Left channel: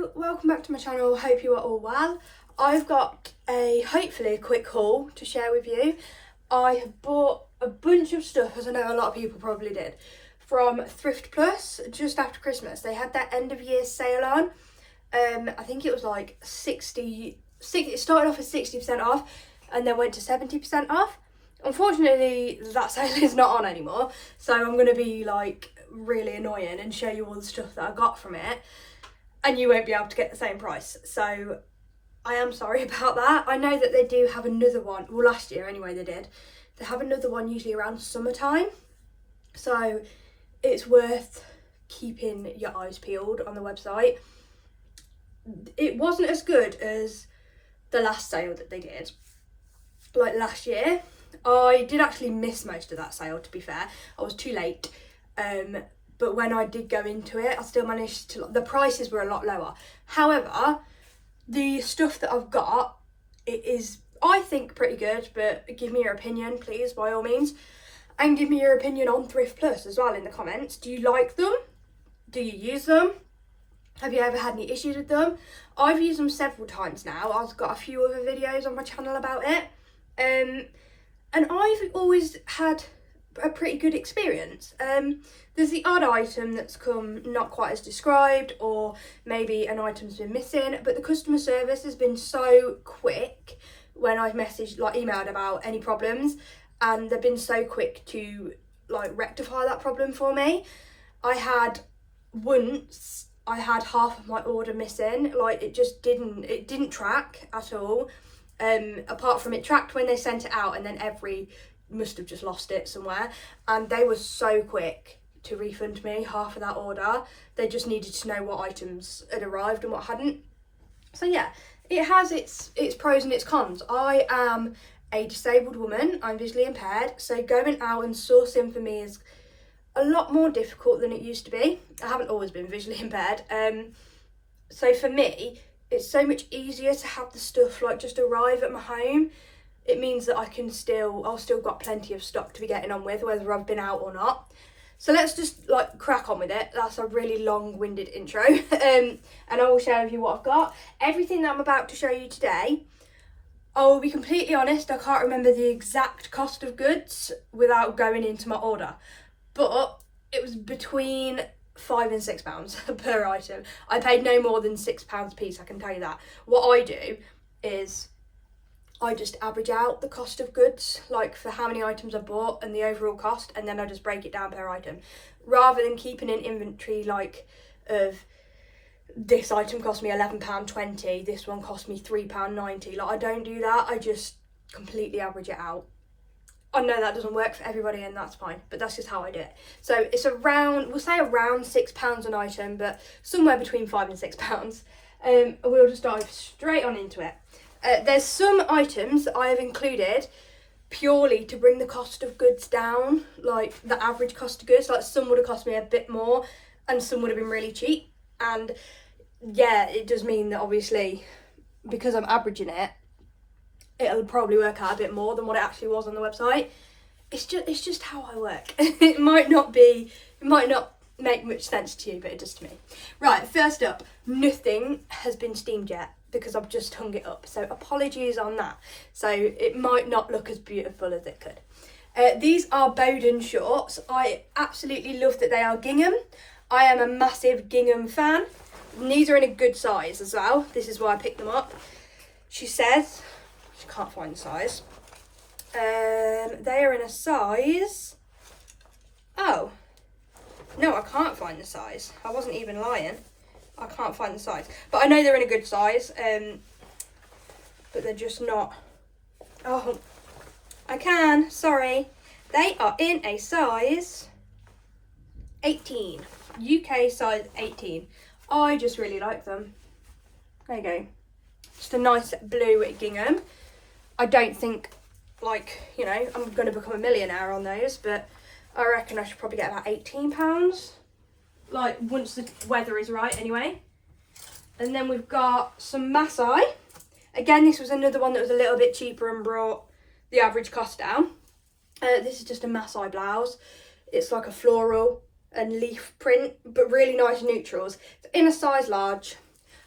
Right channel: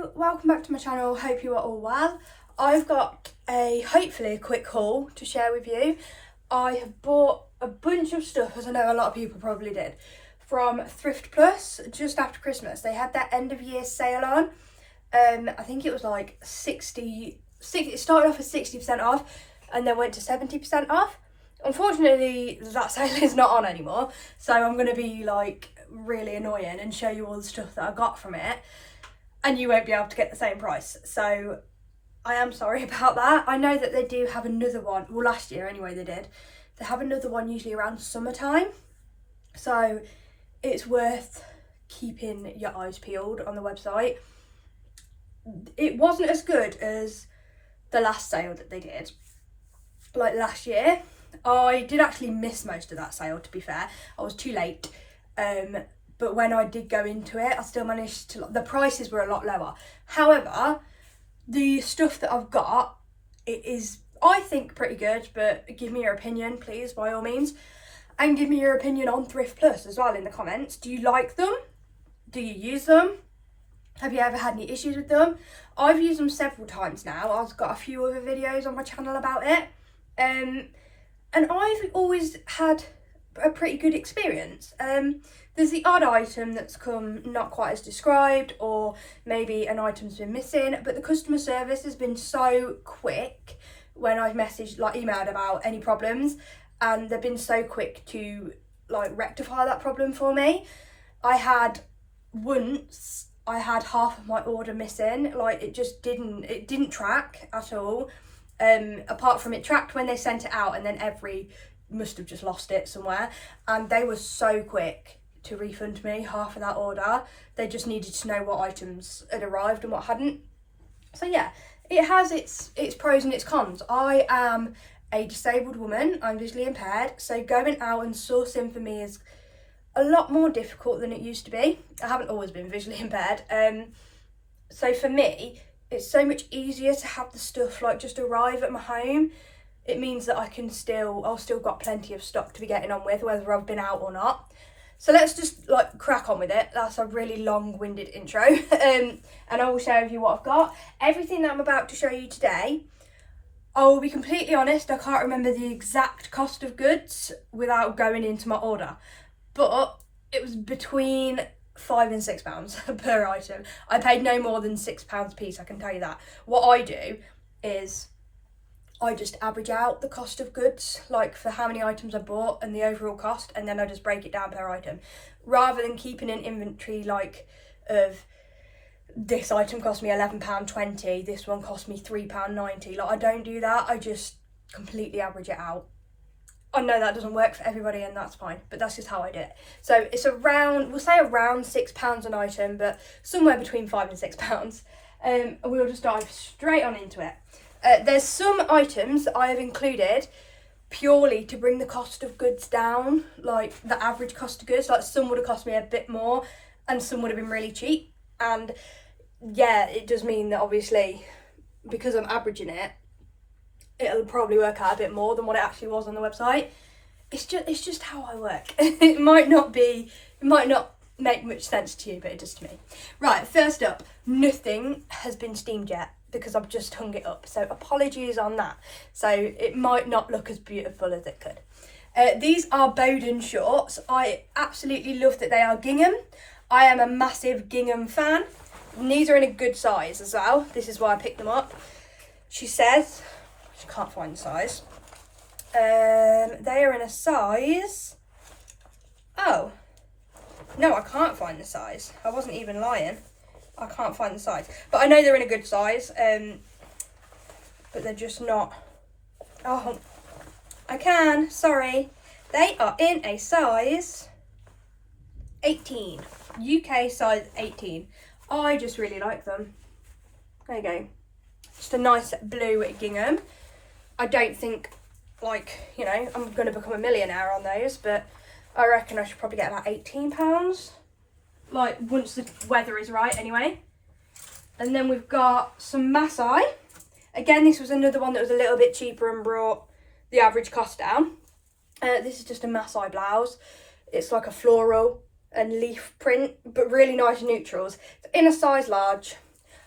Hello, welcome back to my channel. Hope you are all well. I've got hopefully a quick haul to share with you. I have bought a bunch of stuff, as I know a lot of people probably did, from Thrift Plus just after Christmas. They had their end of year sale on. I think it was like 60, it started off at 60% off and then went to 70% off. Unfortunately, that sale is not on anymore, so I'm going to be like really annoying and show you all the stuff that I got from it, and you won't be able to get the same price. So I am sorry about that. I know that they do have another one, well last year anyway they did. They have another one usually around summertime, so it's worth keeping your eyes peeled on the website. It wasn't as good as the last sale that they did, like last year. I did actually miss most of that sale, to be fair. I was too late, but when I did go into it, I still managed to, the prices were a lot lower. However, the stuff that I've got, it is, I think, pretty good, but give me your opinion, please, by all means. And give me your opinion on Thrift Plus as well in the comments. Do you like them? Do you use them? Have you ever had any issues with them? I've used them several times now. I've got a few other videos on my channel about it. And I've always had a pretty good experience. There's the odd item that's come not quite as described, or maybe an item's been missing, but the customer service has been so quick when I've messaged, like emailed about any problems, and they've been so quick to like rectify that problem for me. I had half of my order missing, like it didn't track at all. Apart from it tracked when they sent it out, and then must have just lost it somewhere, and they were so quick to refund me half of that order. They just needed to know what items had arrived and what hadn't. So yeah, it has its pros and its cons. I am a disabled woman, I'm visually impaired, so going out and sourcing for me is a lot more difficult than it used to be. I haven't always been visually impaired, so for me it's so much easier to have the stuff like just arrive at my home. It means that I've still got plenty of stock to be getting on with, whether I've been out or not. So let's just like crack on with it. That's a really long-winded intro. And I will share with you what I've got. Everything that I'm about to show you today, I will be completely honest, I can't remember the exact cost of goods without going into my order, but it was between £5 and £6 per item. I paid no more than £6 a piece, I can tell you that. What I do is I just average out the cost of goods, like for how many items I bought and the overall cost, and then I just break it down per item, rather than keeping an inventory like of this item cost me £11.20, this one cost me £3.90. Like I don't do that, I just completely average it out. I know that doesn't work for everybody, and that's fine, but that's just how I do it. So it's around, we'll say around £6 an item, but somewhere between £5 and £6. We'll just dive straight on into it. There's some items that I have included purely to bring the cost of goods down, like the average cost of goods. Like some would have cost me a bit more and some would have been really cheap. And yeah, it does mean that obviously because I'm averaging it, it'll probably work out a bit more than what it actually was on the website. It's just how I work. It might not make much sense to you, but it does to me. Right, first up, nothing has been steamed yet, because I've just hung it up, so apologies on that. So it might not look as beautiful as it could. These are Bowden shorts. I absolutely love that they are gingham. I am a massive gingham fan. And these are in a good size as well. This is why I picked them up. She says, she can't find the size. They are in a size, oh, no, I can't find the size. I wasn't even lying. I can't find the size, but I know they're in a good size, but they're just not, oh, I can, sorry. They are in a size 18, UK size 18. I just really like them. There you go. Just a nice blue gingham. I don't think, like, you know, I'm going to become a millionaire on those, but I reckon I should probably get about £18. Like once the weather is right anyway. And then we've got some Masai. Again, this was another one that was a little bit cheaper and brought the average cost down. This is just a Masai blouse. It's like a floral and leaf print, but really nice neutrals. It's in a size large.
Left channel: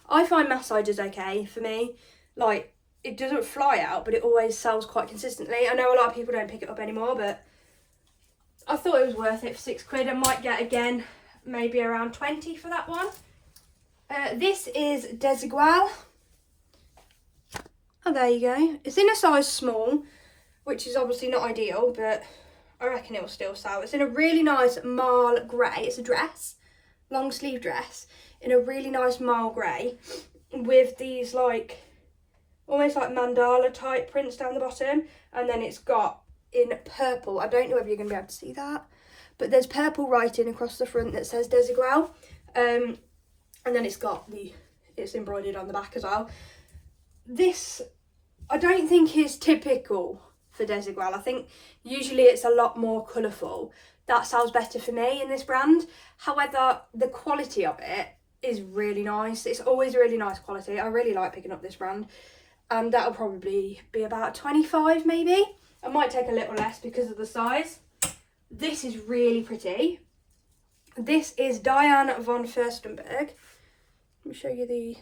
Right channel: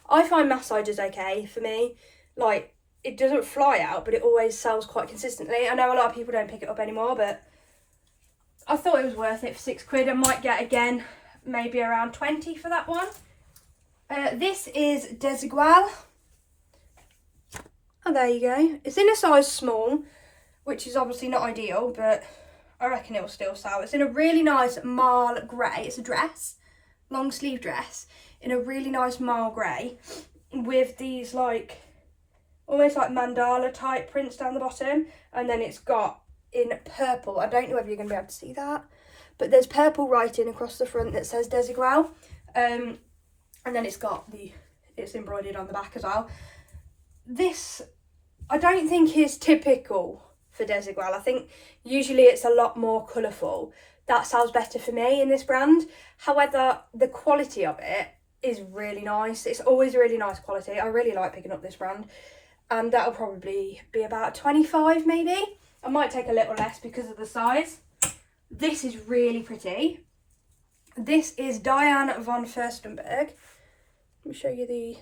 I find massage is okay for me. Like, it doesn't fly out, but it always sells quite consistently. I know a lot of people don't pick it up anymore, but I thought it was worth it for £6. I might get again maybe around 20 for that one. This is Desigual. Oh, there you go. It's in a size small, which is obviously not ideal, but I reckon it will still sell. It's in a really nice marl grey. It's a dress, long sleeve dress, in a really nice marl grey with these like, almost like mandala type prints down the bottom. And then it's got in purple. I don't know whether you're going to be able to see that, but there's purple writing across the front that says Desigual. And then it's embroidered on the back as well. This, I don't think is typical for Desigual. I think usually it's a lot more colourful. That sells better for me in this brand. However, the quality of it is really nice. It's always really nice quality. I really like picking up this brand. And that'll probably be about 25 maybe. I might take a little less because of the size. This is really pretty. This is Diane von Furstenberg. Let me show you the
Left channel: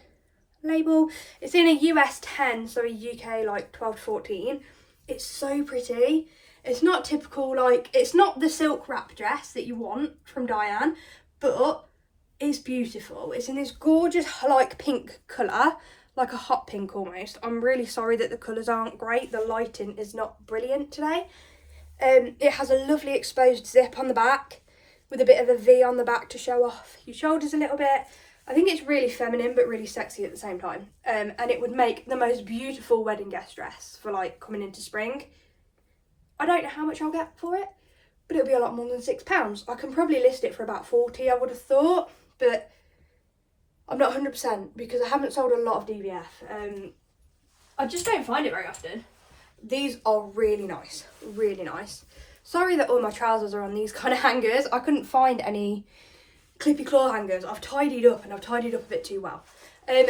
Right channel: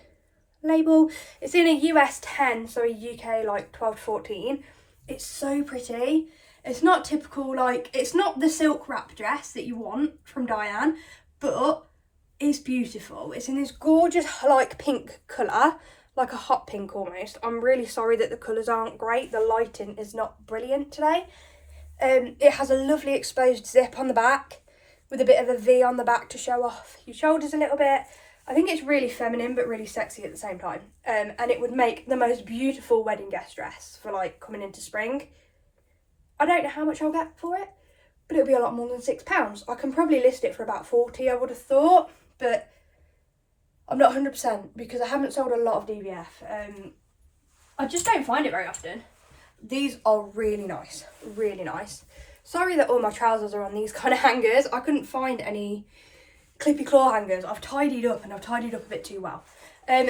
label. It's in a US 10, so a UK like 12 to 14. It's so pretty. It's not typical, like, it's not the silk wrap dress that you want from Diane, but it's beautiful. It's in this gorgeous like pink colour, like a hot pink almost. I'm really sorry that the colours aren't great. The lighting is not brilliant today. It has a lovely exposed zip on the back with a bit of a V on the back to show off your shoulders a little bit. I think it's really feminine but really sexy at the same time. And it would make the most beautiful wedding guest dress for like coming into spring. I don't know how much I'll get for it, but it'll be a lot more than £6. I can probably list it for about 40, I would have thought, but I'm not 100% because I haven't sold a lot of DVF. I just don't find it very often. These are really nice, really nice. Sorry that all my trousers are on these kind of hangers. I couldn't find any clippy claw hangers. I've tidied up and I've tidied up a bit too well.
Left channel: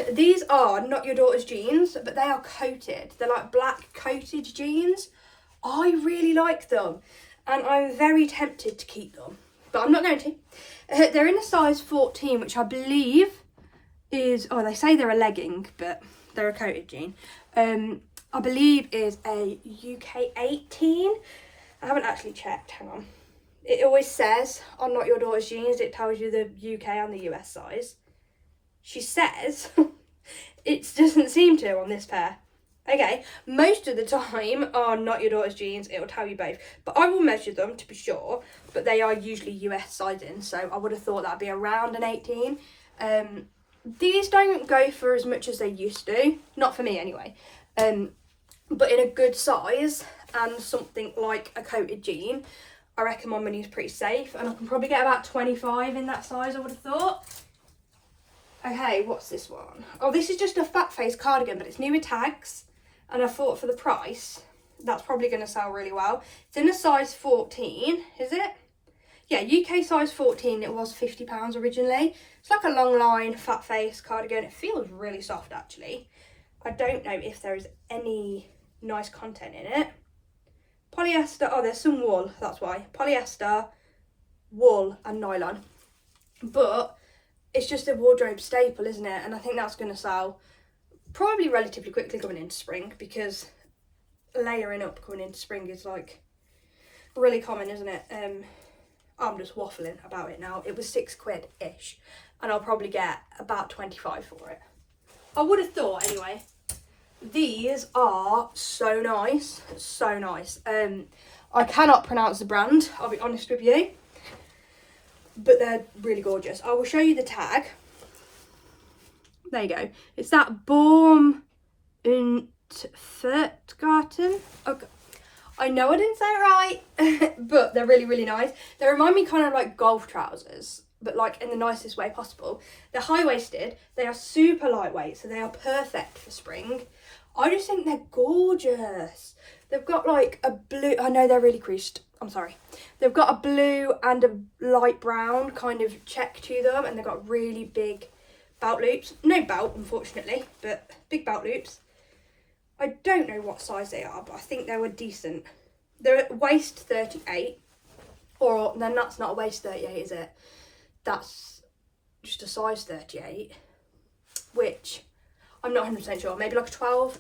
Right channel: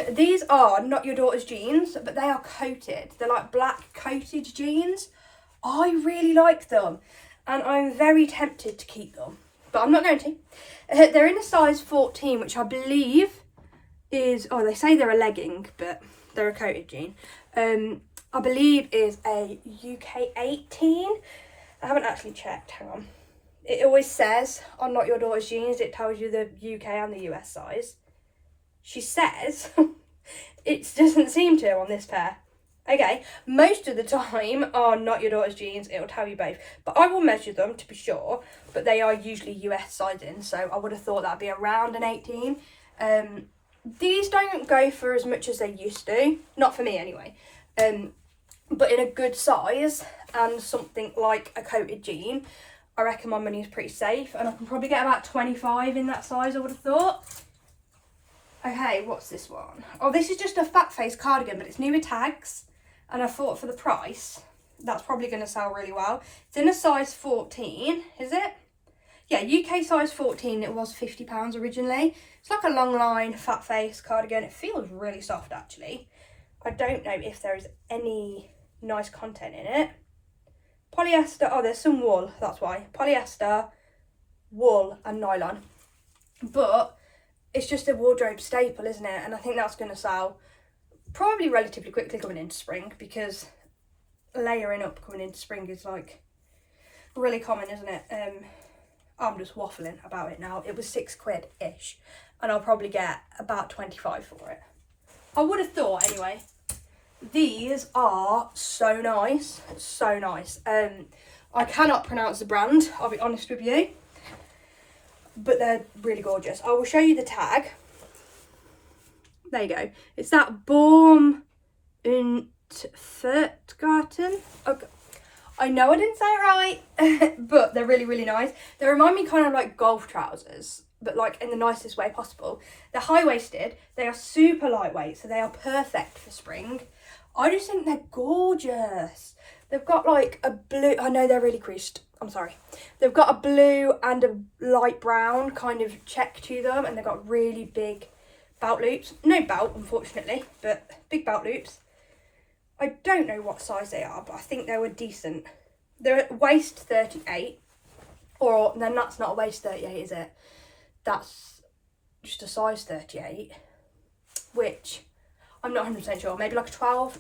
These are not your daughter's jeans, but they are coated. They're like black coated jeans. I really like them and I'm very tempted to keep them, but I'm not going to. They're in a size 14, which I believe is, oh, they say they're a legging, but they're a coated jean. I believe is a UK 18. I haven't actually checked, hang on. It always says on Not Your Daughter's Jeans, it tells you the UK and the US size. She says, it doesn't seem to on this pair. Okay, most of the time on Not Your Daughter's Jeans, it will tell you both. But I will measure them to be sure, but they are usually US sizing, so I would have thought that'd be around an 18. These don't go for as much as they used to, not for me anyway. But in a good size and something like a coated jean, I reckon my money is pretty safe, and I can probably get about 25 in that size, I would have thought. Okay, what's this one? Oh, this is just a fat face cardigan, but it's new with tags, and I thought for the price, that's probably going to sell really well. It's in a size 14, is it? Yeah, UK size 14, it was £50 originally. It's like a long line fat face cardigan. It feels really soft actually. I don't know if there is any nice content in it. Polyester, oh, there's some wool, that's why. Polyester, wool and nylon. But it's just a wardrobe staple, isn't it? And I think that's going to sell probably relatively quickly coming into spring, because layering up coming into spring is like really common, isn't it? I'm just waffling about it now. It was £6-ish, and I'll probably get about 25 for it. I would have thought anyway. These are so nice, so nice. I cannot pronounce the brand, I'll be honest with you, but they're really gorgeous. I will show you the tag. There you go. It's that Baum und Furtgarten. Okay. I know I didn't say it right, but they're really, really nice. They remind me kind of like golf trousers, but like in the nicest way possible. They're high-waisted. They are super lightweight, so they are perfect for spring. I just think they're gorgeous. They've got like a blue, I know they're really creased, I'm sorry. They've got a blue and a light brown kind of check to them, and they've got really big belt loops. No belt, unfortunately, but big belt loops. I don't know what size they are, but I think they were decent. They're at waist 38, or then that's not a waist 38, is it? That's just a size 38. which I'm not 100% sure, maybe like a 12.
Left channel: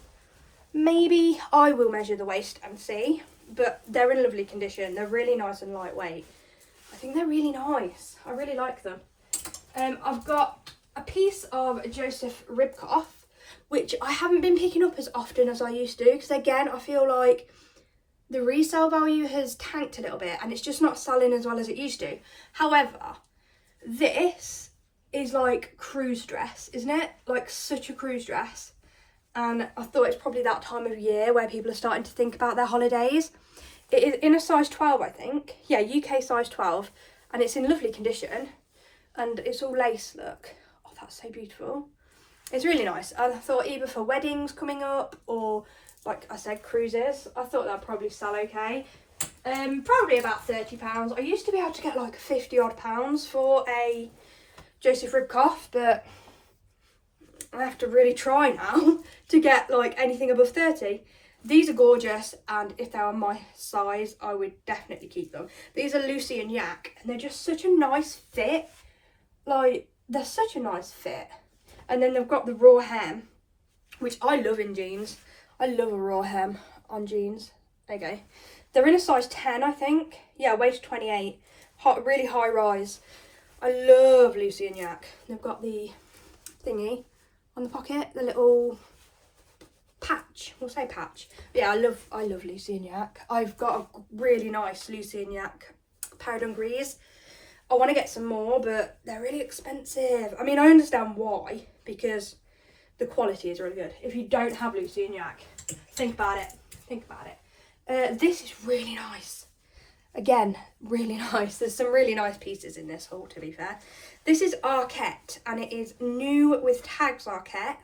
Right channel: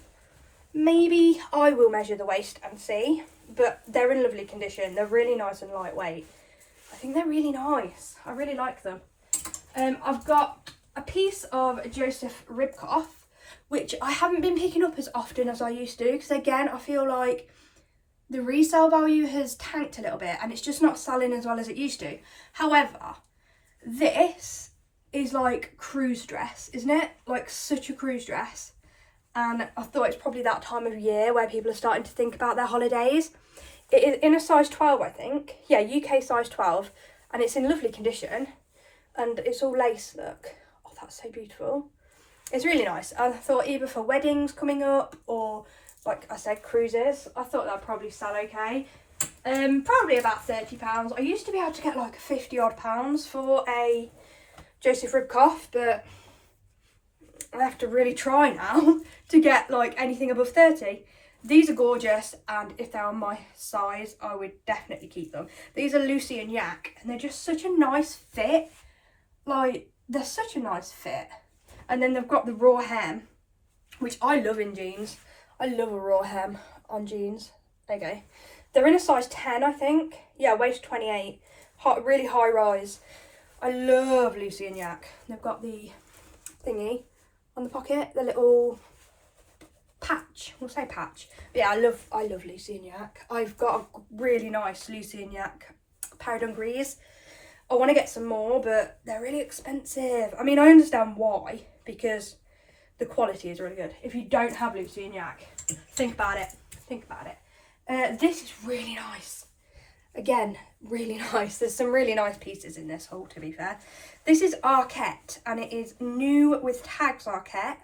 Maybe I will measure the waist and see, but they're in lovely condition. They're really nice and lightweight. I think they're really nice. I really like them. I've got a piece of Joseph Ribkoff, which I haven't been picking up as often as I used to, because again, I feel like the resale value has tanked a little bit and it's just not selling as well as it used to. However, this is like cruise dress, isn't it? Like such a cruise dress. And I thought it's probably that time of year where people are starting to think about their holidays. It is in a size 12, I think. Yeah, UK size 12. And it's in lovely condition. And it's all lace, look. Oh, that's so beautiful. It's really nice. And I thought either for weddings coming up or, like I said, cruises, I thought that'd probably sell okay. Probably about £30. I used to be able to get like 50 odd pounds for a Joseph Ribkoff, but I have to really try now to get like anything above 30. These are gorgeous, and if they're on my size, I would definitely keep them. These are Lucy and Yak, and they're just such a nice fit. Like, they're such a nice fit. And then they've got the raw hem, which I love in jeans. I love a raw hem on jeans. There you go. They're in a size 10, I think. Yeah, waist 28. Really high rise. I love Lucy and Yak. They've got the thingy on the pocket, the little patch. We'll say patch. But yeah, I love Lucy and Yak. I've got a really nice Lucy and Yak pair of dungarees. I want to get some more, but they're really expensive. I mean, I understand why, because the quality is really good. If you don't have Lucy and Yak, think about it. Think about it. This is really nice. Again, really nice. There's some really nice pieces in this haul, to be fair. This is Arquette, and it is new with tags Arquette.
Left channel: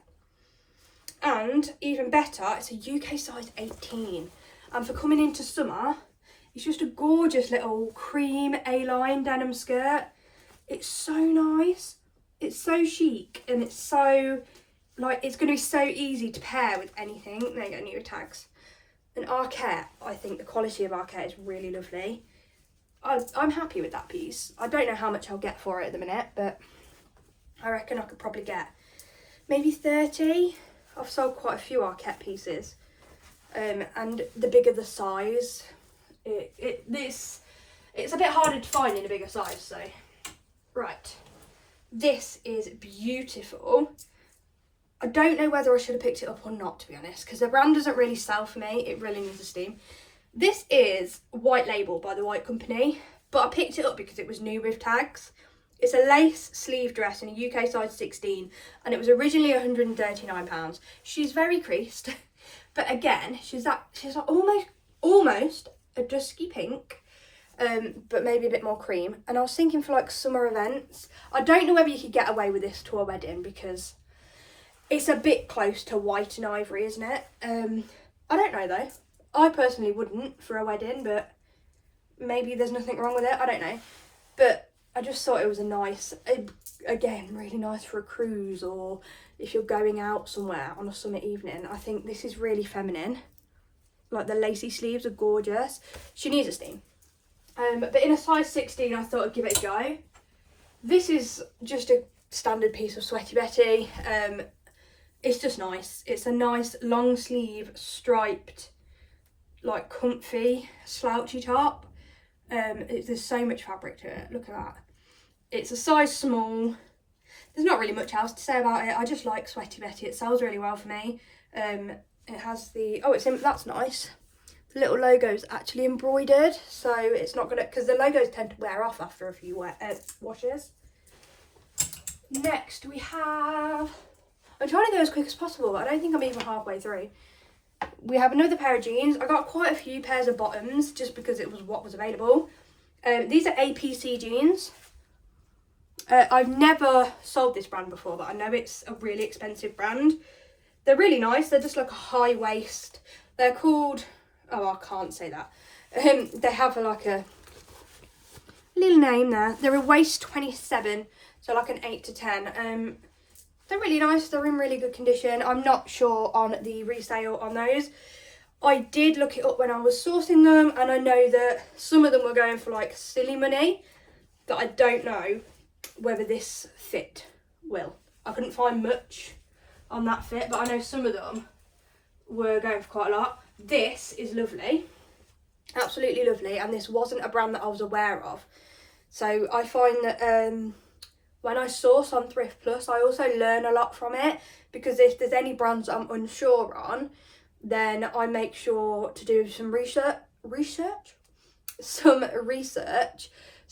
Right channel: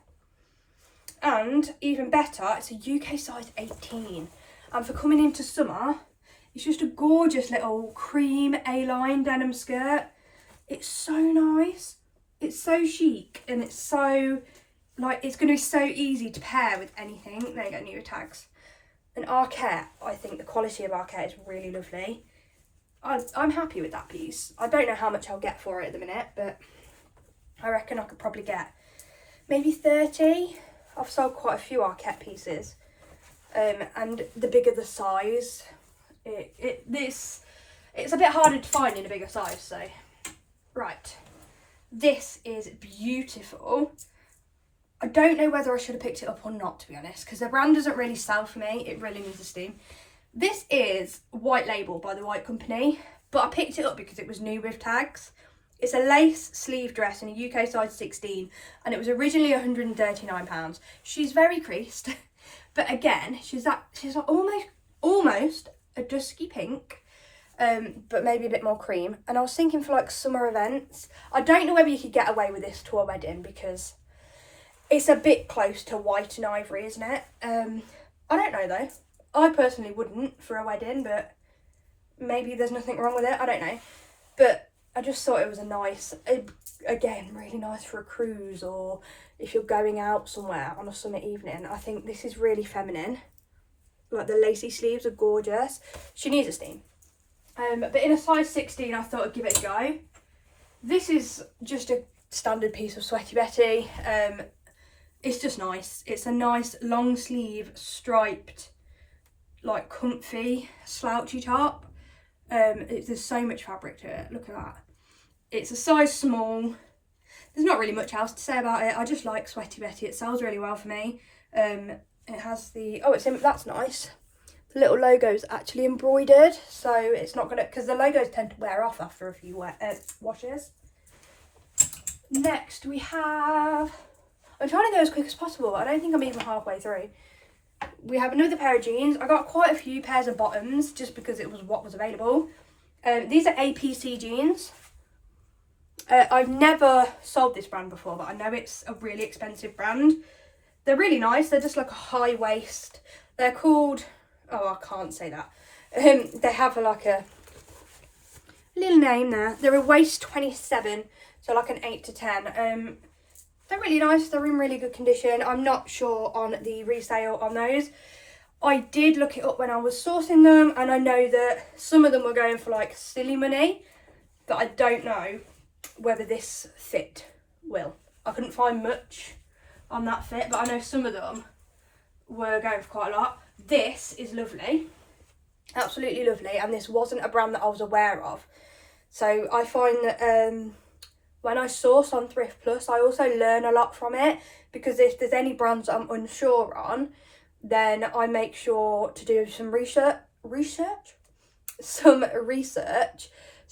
And even better, it's a UK size 18. And for coming into summer, it's just a gorgeous little cream A-line denim skirt. It's so nice. It's so chic, and it's so, like, it's going to be so easy to pair with anything. There you go, new tags. And Arquette, I think the quality of Arquette is really lovely. I'm happy with that piece. I don't know how much I'll get for it at the minute, but I reckon I could probably get maybe 30. I've sold quite a few Arquette pieces. And the bigger the size, it's a bit harder to find in a bigger size, so. Right. This is beautiful. I don't know whether I should have picked it up or not, to be honest, because the brand doesn't really sell for me. It really needs a steam. This is White Label by the White Company, but I picked it up because it was new with tags. It's a lace sleeve dress in a UK size 16, and it was originally £139. She's very creased, but again, she's like almost a dusky pink, but maybe a bit more cream. And I was thinking for like summer events, I don't know whether you could get away with this to a wedding because it's a bit close to white and ivory, isn't it? I don't know though. I personally wouldn't for a wedding, but maybe there's nothing wrong with it. I don't know. But I just thought it was a nice, again, really nice for a cruise or if you're going out somewhere on a summer evening. I think this is really feminine. Like the lacy sleeves are gorgeous. She needs a steam. But in a size 16, I thought I'd give it a go. This is just a standard piece of Sweaty Betty. It's just nice. It's a nice long sleeve striped, like comfy slouchy top. There's so much fabric to it. Look at that. It's a size small. There's not really much else to say about it. I just like Sweaty Betty. It sells really well for me. It has the, that's nice. The little logo's actually embroidered, so it's not gonna, because the logos tend to wear off after a few washes. Next we have, I'm trying to go as quick as possible. I don't think I'm even halfway through. We have another pair of jeans. I got quite a few pairs of bottoms just because it was what was available. These are APC jeans. I've never sold this brand before, but I know it's a really expensive brand. They're really nice. They're just like a high waist. They're called, oh, I can't say that. They have like a little name there. They're a waist 27, so like an 8 to 10. They're really nice. They're in really good condition. I'm not sure on the resale on those. I did look it up when I was sourcing them, and I know that some of them were going for like silly money, but I don't know whether this fit will. I couldn't find much on that fit, but I know some of them were going for quite a lot. This is lovely, absolutely lovely, and this wasn't a brand that I was aware of. So I find that when I source on Thrift Plus, I also learn a lot from it, because if there's any brands I'm unsure on, then I make sure to do some research. So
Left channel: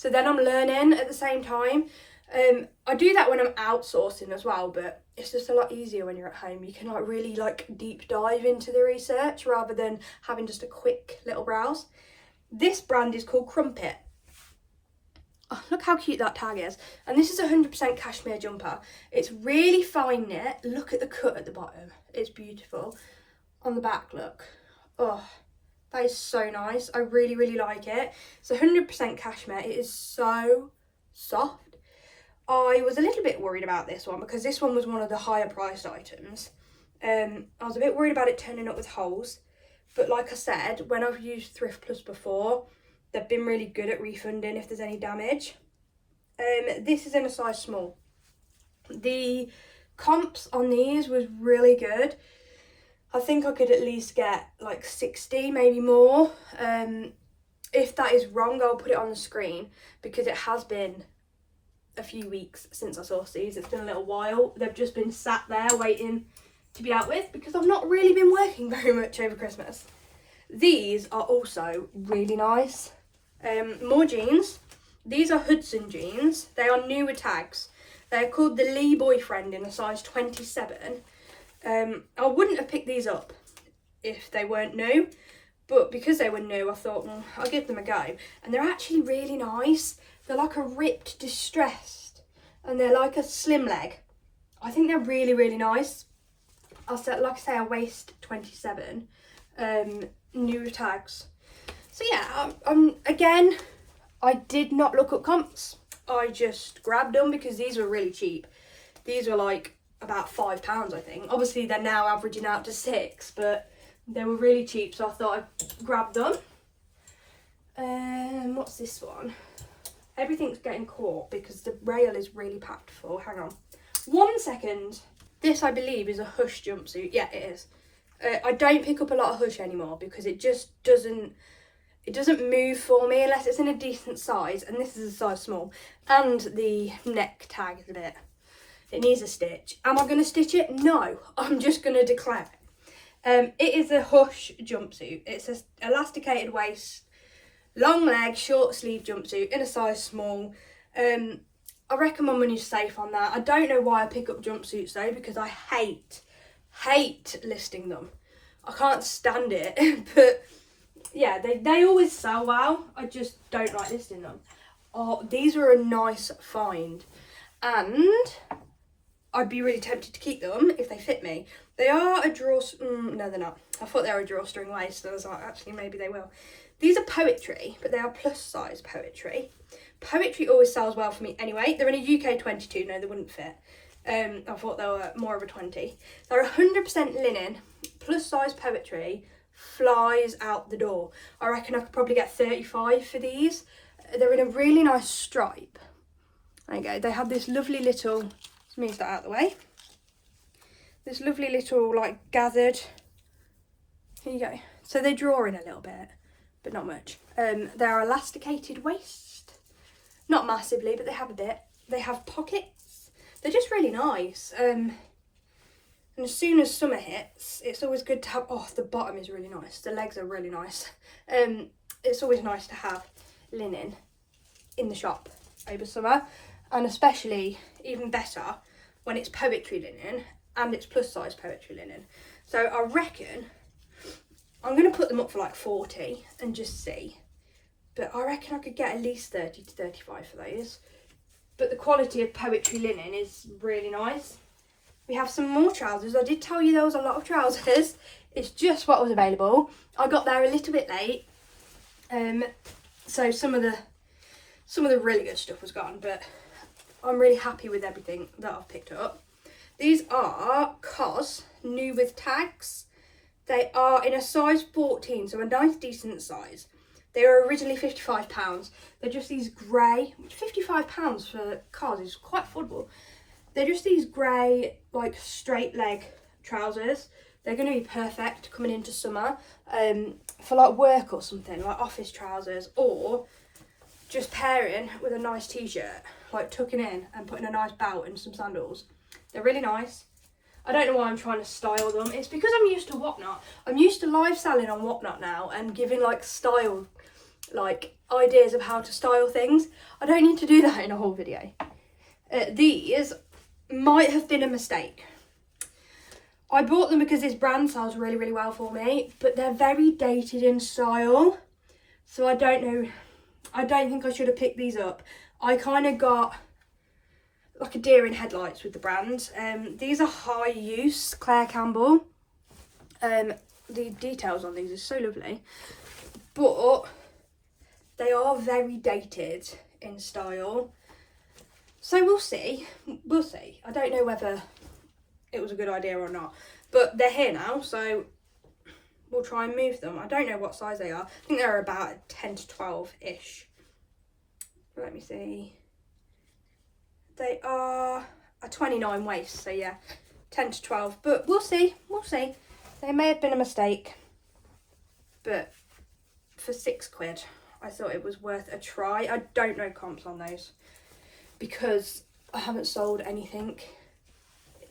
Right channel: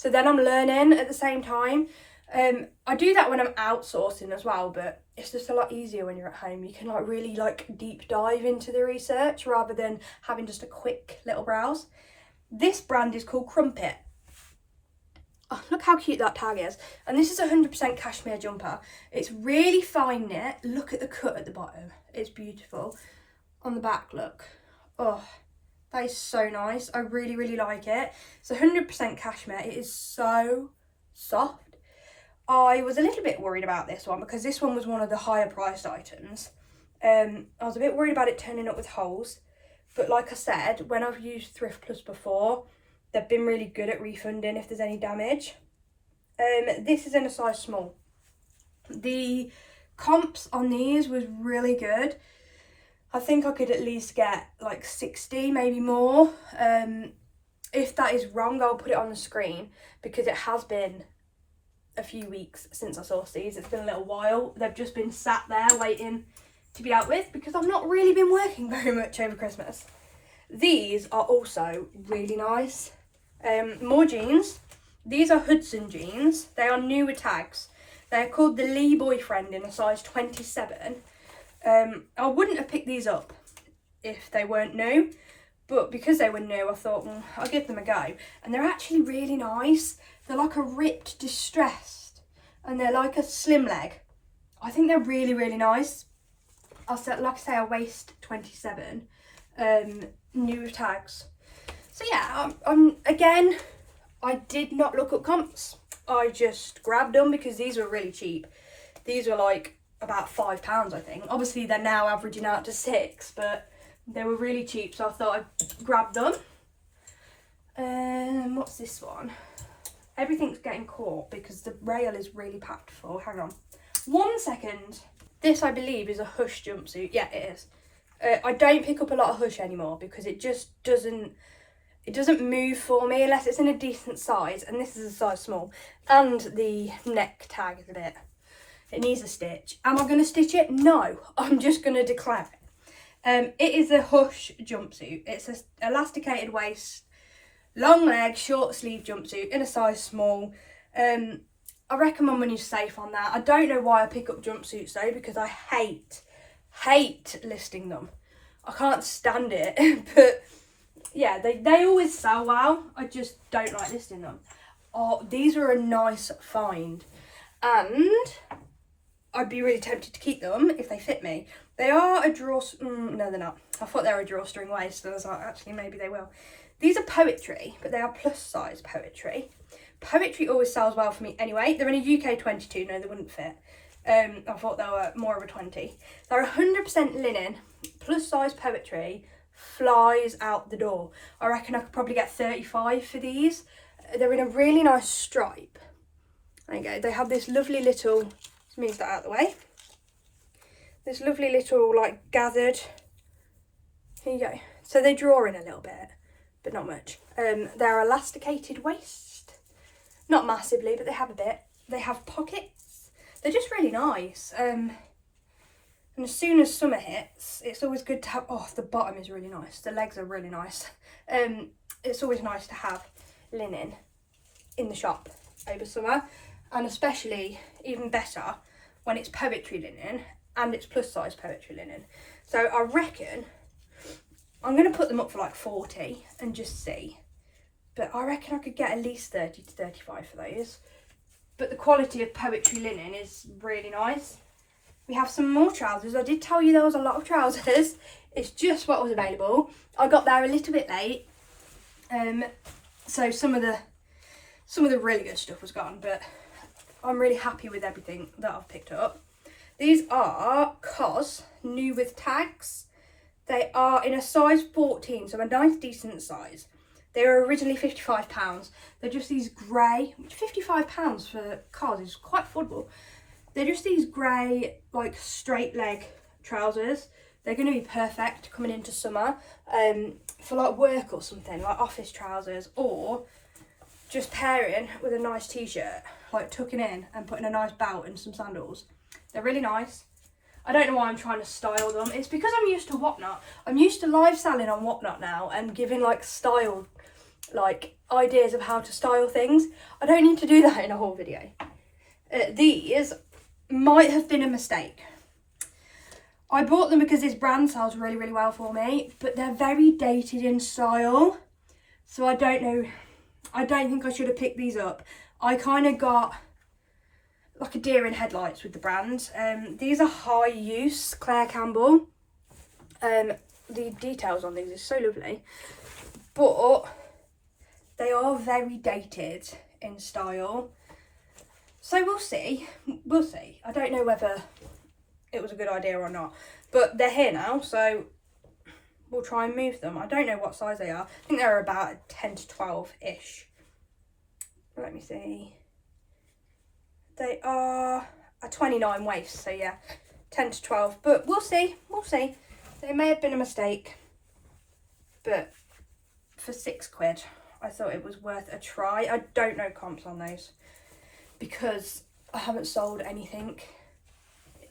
then I'm learning at the same time. I do that when I'm outsourcing as well, but it's just a lot easier when you're at home. You can like really like deep dive into the research rather than having just a quick little browse. This brand is called Crumpet. Oh, look how cute that tag is. And this is 100% cashmere jumper. It's really fine knit. Look at the cut at the bottom. It's beautiful. On the back, look. Oh, that is so nice. I really, really like it. It's 100% cashmere. It is so soft. I was a little bit worried about this one because this one was one of the higher priced items. I was a bit worried about it turning up with holes. But like I said, when I've used Thrift Plus before, they've been really good at refunding if there's any damage. This is in a size small. The comps on these was really good. I think I could at least get like 60, maybe more. If that is wrong, I'll put it on the screen, because it has been a few weeks since I sourced these. It's been a little while. They've just been sat there waiting to be out with, because I've not really been working very much over Christmas. These are also really nice. More jeans. These are Hudson jeans. They are new with tags. They're called the Lee Boyfriend in a size 27. I wouldn't have picked these up if they weren't new, but because they were new, I thought, well, I'll give them a go. And they're actually really nice. They're like a ripped distressed, and they're like a slim leg. I think they're really, really nice. Like I say, a waist 27, new with tags. So yeah, again, I did not look up comps. I just grabbed them because these were really cheap. These were like about £5, I think. Obviously, they're now averaging out to £6, but they were really cheap, so I thought I'd grab them. What's this one? Everything's getting caught because the rail is really packed full. Hang on. 1 second. This, I believe, is a Hush jumpsuit. Yeah, it is. I don't pick up a lot of Hush anymore because it just doesn't move for me unless it's in a decent size, and this is a size small. And the neck tag is a bit, it needs a stitch. Am I going to stitch it? No, I'm just going to declare it. It is a Hush jumpsuit. It's an elasticated waist, long leg, short sleeve jumpsuit in a size small. I reckon my money's safe on that. I don't know why I pick up jumpsuits though, because I hate listing them. I can't stand it. But yeah, they always sell well. I just don't like listing them. Oh, these were a nice find, and I'd be really tempted to keep them if they fit me. They are a no, they're not. I thought they were a drawstring waist, so I was like, actually, maybe they will. These are Poetry, but they are plus size Poetry. Poetry always sells well for me anyway. They're in a UK 22. No, they wouldn't fit. I thought they were more of a 20. They're 100% linen, plus size Poetry, flies out the door. I reckon I could probably get 35 for these. They're in a really nice stripe. There you go. They have this lovely little, let's move that out of the way. This lovely little like gathered, here you go. So they draw in a little bit, but not much. They're elasticated waist, not massively, but they have a bit. They have pockets. They're just really nice. And as soon as summer hits, it's always good to have, oh, the bottom is really nice. The legs are really nice. It's always nice to have linen in the shop over summer, and especially even better when it's Poetry linen and it's plus size Poetry linen. So I reckon I'm going to put them up for like 40 and just see. But I reckon I could get at least 30 to 35 for those. But the quality of Poetry linen is really nice. We have some more trousers. I did tell you there was a lot of trousers. It's just what was available. I got there a little bit late. So some of the really good stuff was gone, but I'm really happy with everything that I've picked up. These are COS, new with tags. They are in a size 14, so a nice decent size. They were originally £55. They're just these grey, which £55 for COS is quite affordable. They're just these grey, like, straight leg trousers. They're going to be perfect coming into summer for like work or something, like office trousers, or just pairing with a nice t-shirt, like tucking in and putting a nice belt and some sandals. They're really nice. I don't know why I'm trying to style them. It's because I'm used to Whatnot. I'm used to live selling on Whatnot now and giving like style, like ideas of how to style things. I don't need to do that in a whole video. These might have been a mistake. I bought them because this brand sells really, really well for me, but they're very dated in style. So I don't know. I don't think I should have picked these up. I kind of got like a deer in headlights with the brand. These are high use Claire Campbell. The details on these are so lovely, but they are very dated in style. So we'll see. We'll see. I don't know whether it was a good idea or not, but they're here now, so we'll try and move them. I don't know what size they are. I think they're about 10 to 12-ish. Let me see. They are a 29 waist, so yeah, 10 to 12. But we'll see. We'll see. They may have been a mistake, but for £6, I thought it was worth a try. I don't know comps on those because I haven't sold anything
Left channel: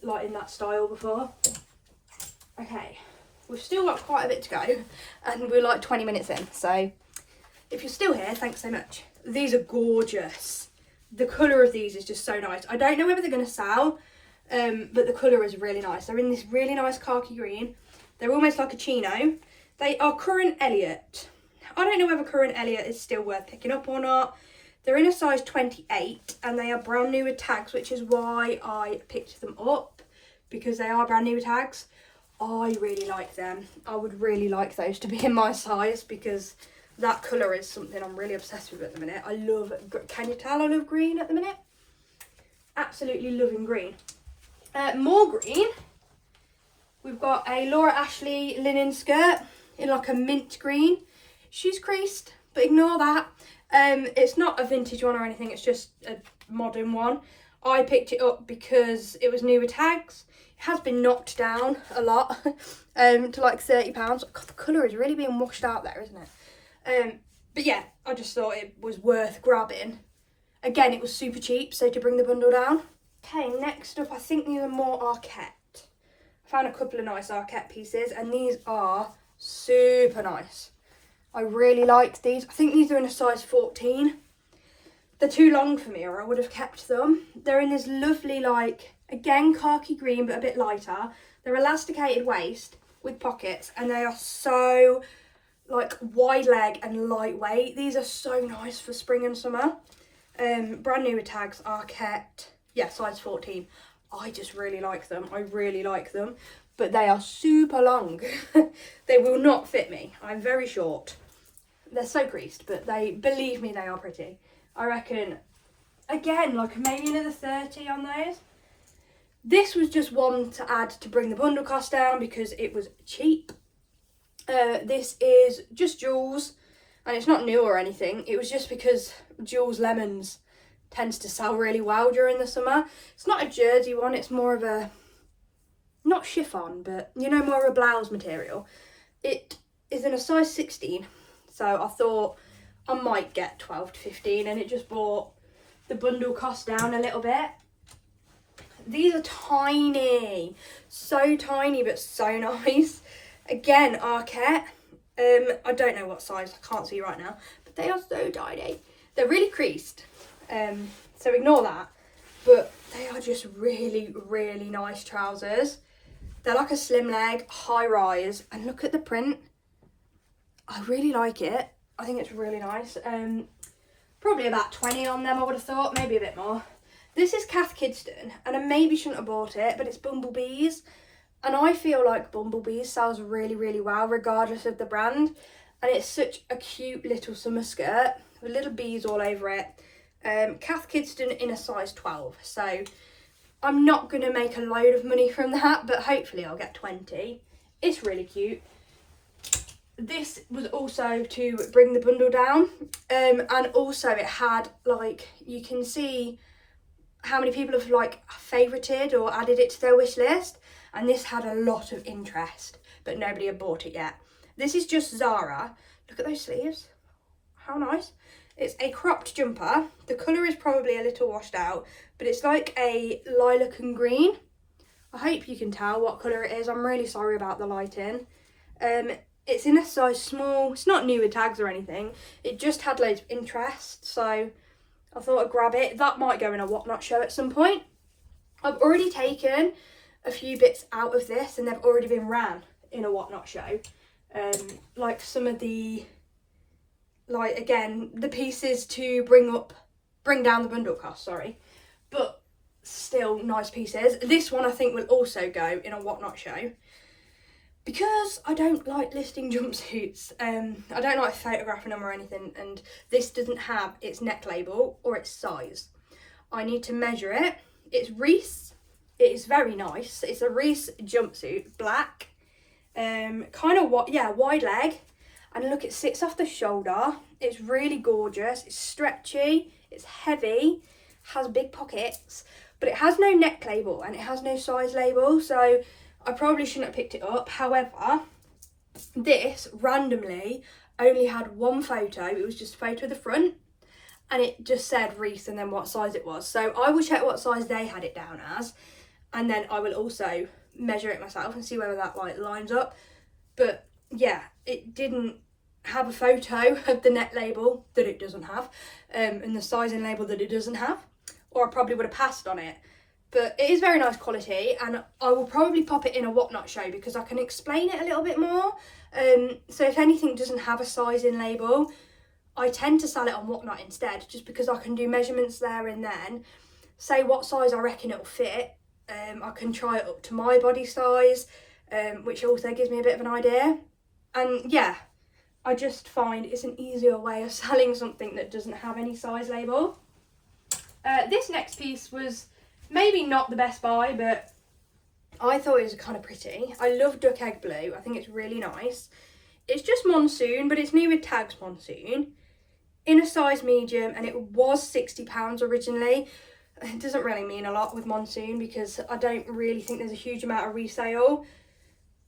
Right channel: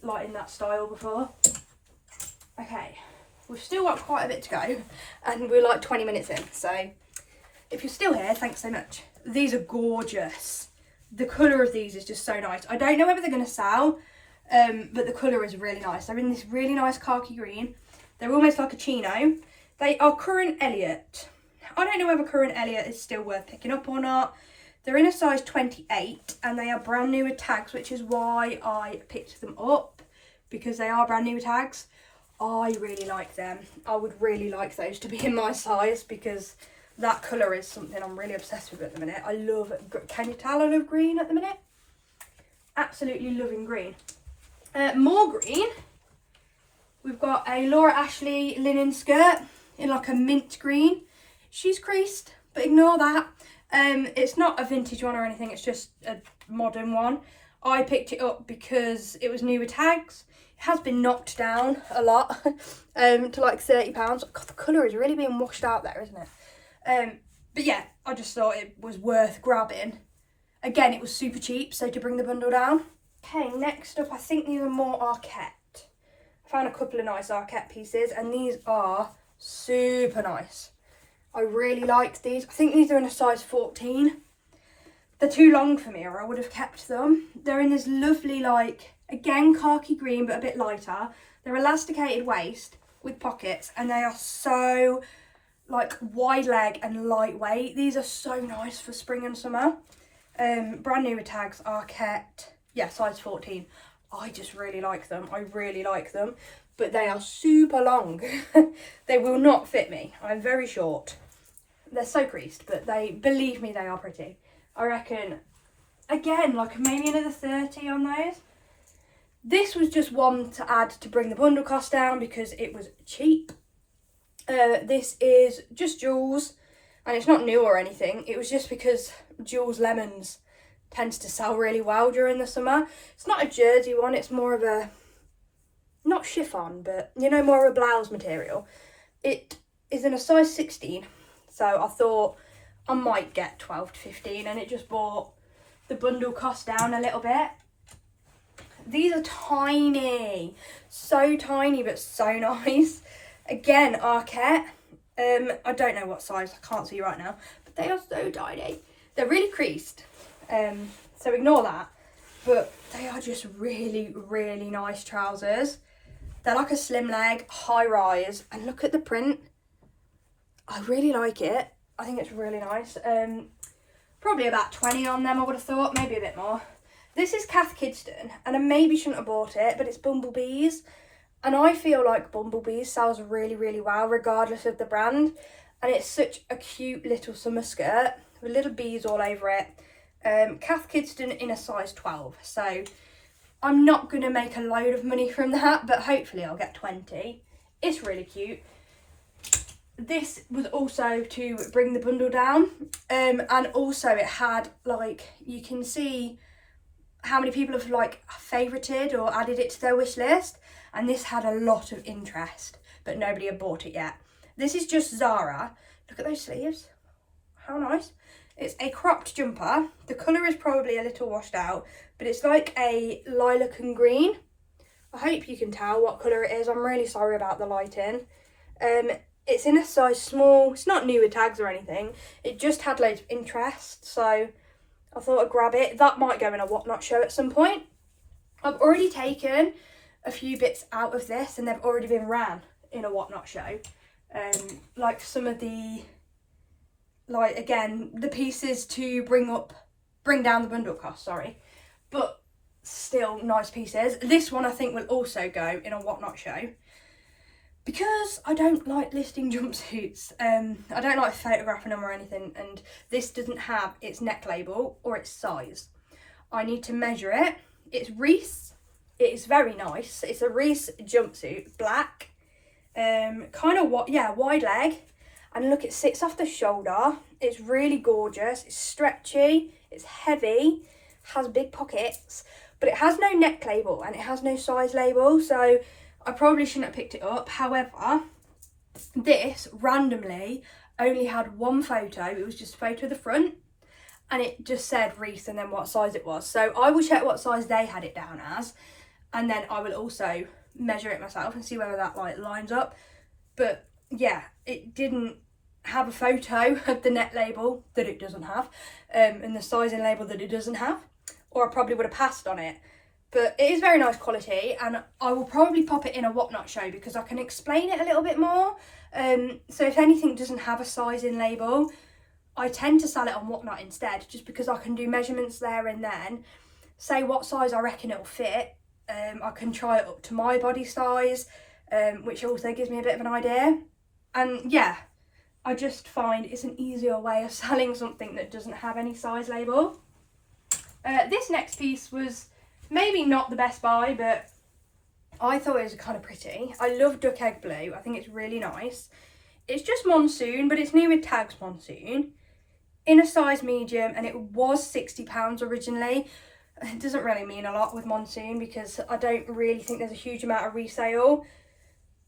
like in that style before. Okay, we've still got quite a bit to go and we're like 20 minutes in, so if you're still here, thanks so much. These are gorgeous. The colour of these is just so nice. I don't know whether they're going to sell, but the colour is really nice. They're in this really nice khaki green. They're almost like a chino. They are Current Elliott. I don't know whether Current Elliott is still worth picking up or not. They're in a size 28 and they are brand new with tags, which is why I picked them up, because they are brand new with tags. I really like them. I would really like those to be in my size because that colour is something I'm really obsessed with at the minute. I love, can you tell I love green at the minute? Absolutely loving green. More green. We've got a Laura Ashley linen skirt in like a mint green. She's creased, but ignore that. It's not a vintage one or anything, it's just a modern one. I picked it up because it was new with tags. It has been knocked down a lot to like £30. God, the colour is really being washed out there, isn't it? But yeah, I just thought it was worth grabbing. Again, it was super cheap, so to bring the bundle down. Okay, next up, I think these are more Arquette. I found a couple of nice Arquette pieces, and these are super nice. I really like these. I think these are in a size 14. They're too long for me, or I would have kept them. They're in this lovely, like, again, khaki green, but a bit lighter. They're elasticated waist with pockets, and they are so, like, wide leg and lightweight. These are so nice for spring and summer. Brand new with tags, Arquette. Yeah, size 14. I just really like them. I really like them. But they are super long. They will not fit me. I'm very short. They're so creased, but they, believe me, they are pretty. I reckon, again, like maybe another 30 on those. This was just one to add to bring the bundle cost down because it was cheap. This is just Jewels, and it's not new or anything. It was just because Jewels Lemons tends to sell really well during the summer. It's not a jersey one, it's more of a, not chiffon, but you know, more of a blouse material. It is in a size 16, so I thought I might get 12 to 15, and it just brought the bundle cost down a little bit. These are tiny, so tiny, but so nice. Again, Arquette. I don't know what size, I can't see right now, but they are so tiny. They're really creased, so ignore that, but they are just really, really nice trousers. They're like a slim leg, high rise, and look at the print. I really like it. I think it's really nice. Probably about 20 on them, I would have thought, maybe a bit more. This is Cath Kidston, and I maybe shouldn't have bought it, but it's Bumblebees. And I feel like Bumblebees sells really, really well, regardless of the brand. And it's such a cute little summer skirt with little bees all over it. Cath Kidston in a size 12. So I'm not going to make a load of money from that, but hopefully I'll get 20. It's really cute. This was also to bring the bundle down. And also it had, like, you can see how many people have like favorited or added it to their wish list, and this had a lot of interest, but nobody had bought it yet. This is just Zara. Look at those sleeves, how nice. It's a cropped jumper. The colour is probably a little washed out, but it's like a lilac and green. I hope you can tell what colour it is. I'm really sorry about the lighting. It's in a size small. It's not new with tags or anything. It just had loads of interest, so I thought I'd grab it. That might go in a whatnot show at some point. I've already taken a few bits out of this and they've already been ran in a whatnot show. Like some of the, like again, the pieces to bring down the bundle cost, sorry. But still nice pieces. This one I think will also go in a whatnot show. Because I don't like listing jumpsuits, I don't like photographing them or anything, and this doesn't have its neck label or its size. I need to measure it. It's Reese. It's very nice. It's a Reese jumpsuit, black, kind of wide leg, and look, it sits off the shoulder. It's really gorgeous. It's stretchy. It's heavy. Has big pockets, but it has no neck label and it has no size label, so I probably shouldn't have picked it up. However, this randomly only had one photo. It was just a photo of the front and it just said Reese and then what size it was. So I will check what size they had it down as, and then I will also measure it myself and see whether that like lines up. But yeah, it didn't have a photo of the neck label that it doesn't have, and the sizing label that it doesn't have, or I probably would have passed on it. But it is very nice quality, and I will probably pop it in a whatnot show because I can explain it a little bit more. So if anything doesn't have a sizing label, I tend to sell it on whatnot instead, just because I can do measurements there and then, say what size I reckon it'll fit. I can try it up to my body size, which also gives me a bit of an idea. And yeah, I just find it's an easier way of selling something that doesn't have any size label. This next piece was maybe not the best buy, but I thought it was kind of pretty. I love duck egg blue. I think it's really nice. It's just monsoon, but it's new with tags monsoon, in a size medium, and it was £60 originally. It doesn't really mean a lot with monsoon because I don't really think there's a huge amount of resale,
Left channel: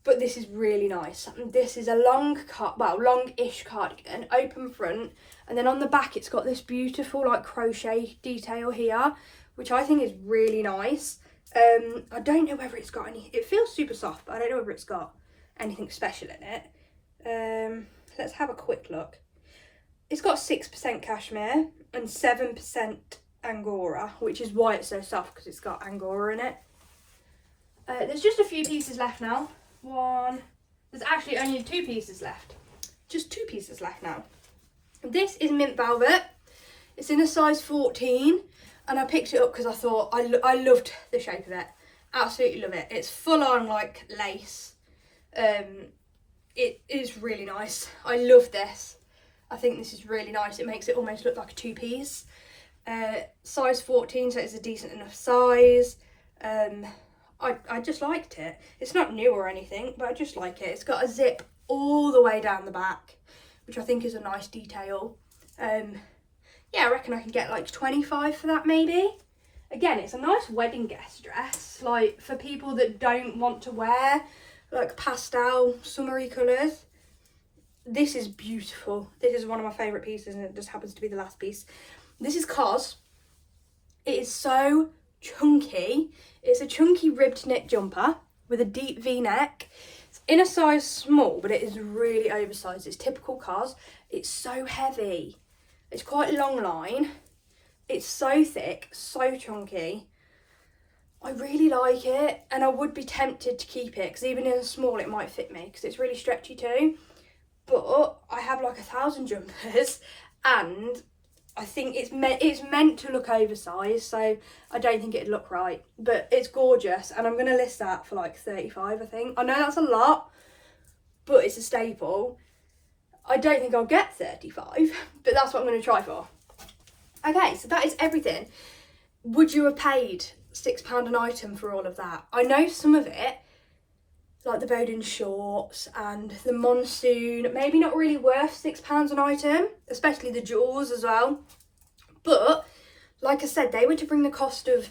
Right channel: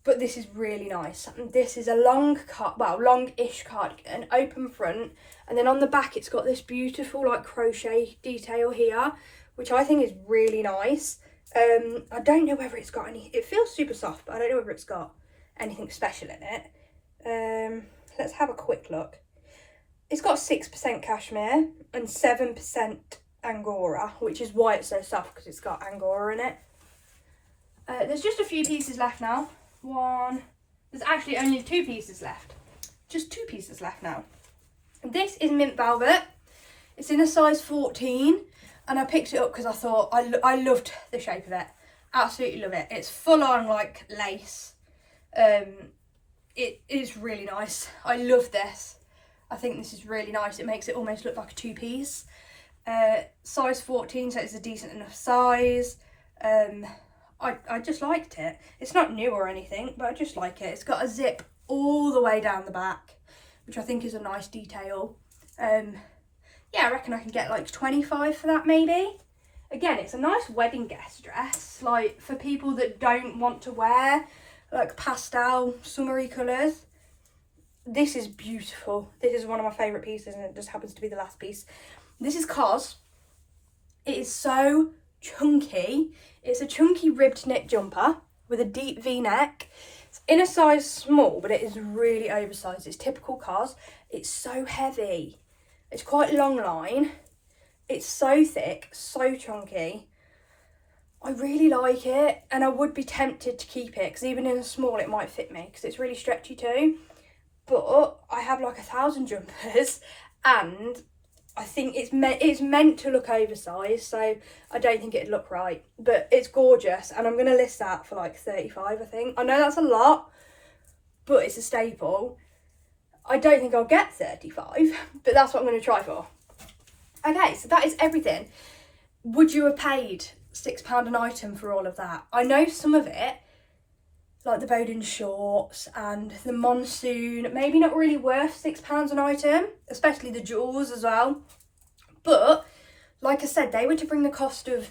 but this is really nice. This is a longish cardigan, open front, and then on the back it's got this beautiful like crochet detail here, which I think is really nice. I don't know whether it's got any, it feels super soft, but I don't know whether it's got anything special in it. Let's have a quick look. It's got 6% cashmere and 7% Angora, which is why it's so soft, because it's got Angora in it. There's just a few pieces left now. There's actually only 2 pieces left. Just 2 pieces left now. This is mint velvet. It's in a size 14. And I picked it up because I thought I loved the shape of it. Absolutely love it. It's full on like lace. It is really nice. I love this. I think this is really nice. It makes it almost look like a 2-piece. Size 14, so it's a decent enough size. I just liked it. It's not new or anything, but I just like it. It's got a zip all the way down the back, which I think is a nice detail. Yeah, I reckon I can get like 25 for that maybe. Again, it's a nice wedding guest dress, like for people that don't want to wear like pastel summery colours. This is beautiful. This is one of my favourite pieces, and it just happens to be the last piece. This is cos. It is so chunky. It's a chunky ribbed knit jumper with a deep V-neck. It's in a size small, but it is really oversized. It's typical cos. It's so heavy. It's quite long line. It's so thick, so chunky. I really like it, and I would be tempted to keep it because even in a small it might fit me because it's really stretchy too. But I have like 1,000 jumpers, and I think it's meant to look oversized, so I don't think it'd look right. But it's gorgeous, and I'm going to list that for like 35, I think. I know that's a lot, but it's a staple. I don't think I'll get 35, but that's what I'm going to try for. Okay, so that is everything. Would you have paid £6 an item for all of that? I know some of it, like the Bowden shorts and the monsoon, maybe not really worth £6 an item, especially the jewels as well. But like I said, they were to bring the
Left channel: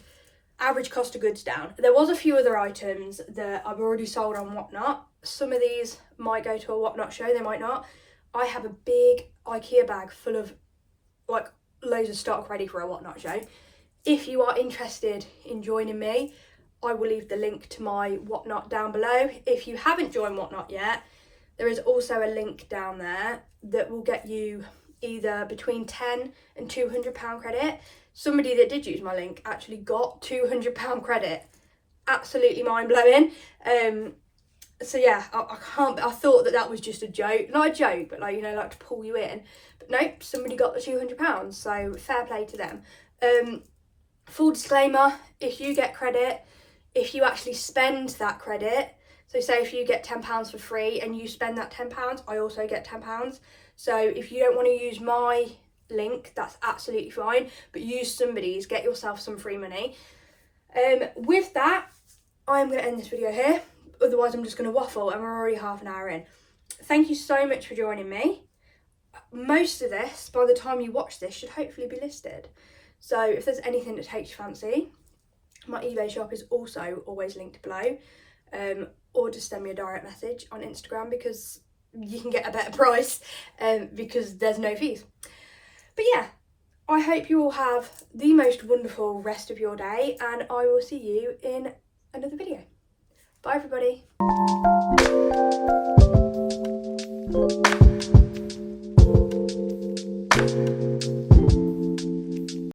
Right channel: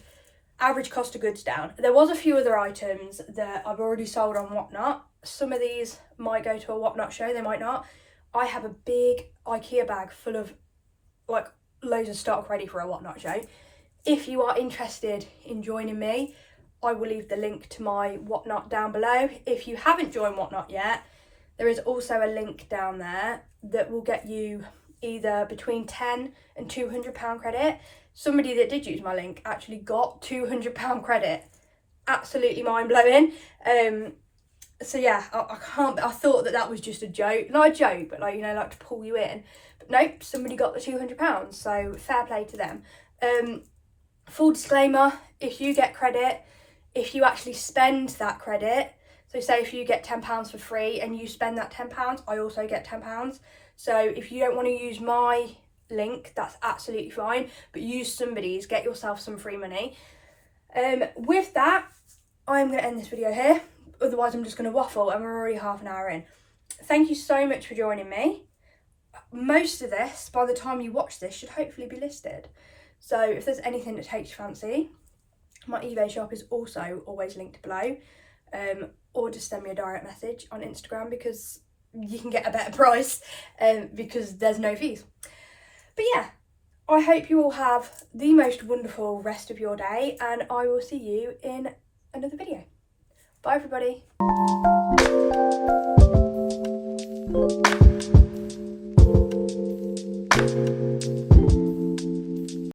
average cost of goods down. There was a few other items that I've already sold on Whatnot. Some of these might go to a Whatnot show, they might not. I have a big IKEA bag full of like loads of stock ready for a Whatnot show. If you are interested in joining me, I will leave the link to my Whatnot down below. If you haven't joined Whatnot yet, there is also a link down there that will get you either between £10 and £200 credit. Somebody that did use my link actually got £200 credit. Absolutely mind-blowing. So yeah, I thought that was just a joke. Not a joke, but like, you know, like to pull you in. But nope, somebody got the £200, so fair play to them. Full disclaimer, if you get credit, if you actually spend that credit, so say if you get £10 for free and you spend that £10, I also get £10. So if you don't want to use my link, that's absolutely fine, but use somebody's, get yourself some free money. With that, I'm going to end this video here. Otherwise I'm just going to waffle and we're already half an hour in. Thank you so much for joining me. Most of this, by the time you watch this, should hopefully be listed. So if there's anything that takes your fancy, my eBay shop is also always linked below. Or just send me a direct message on Instagram because you can get a better price because there's no fees. But yeah, I hope you all have the most wonderful rest of your day and I will see you in another video. Bye everybody.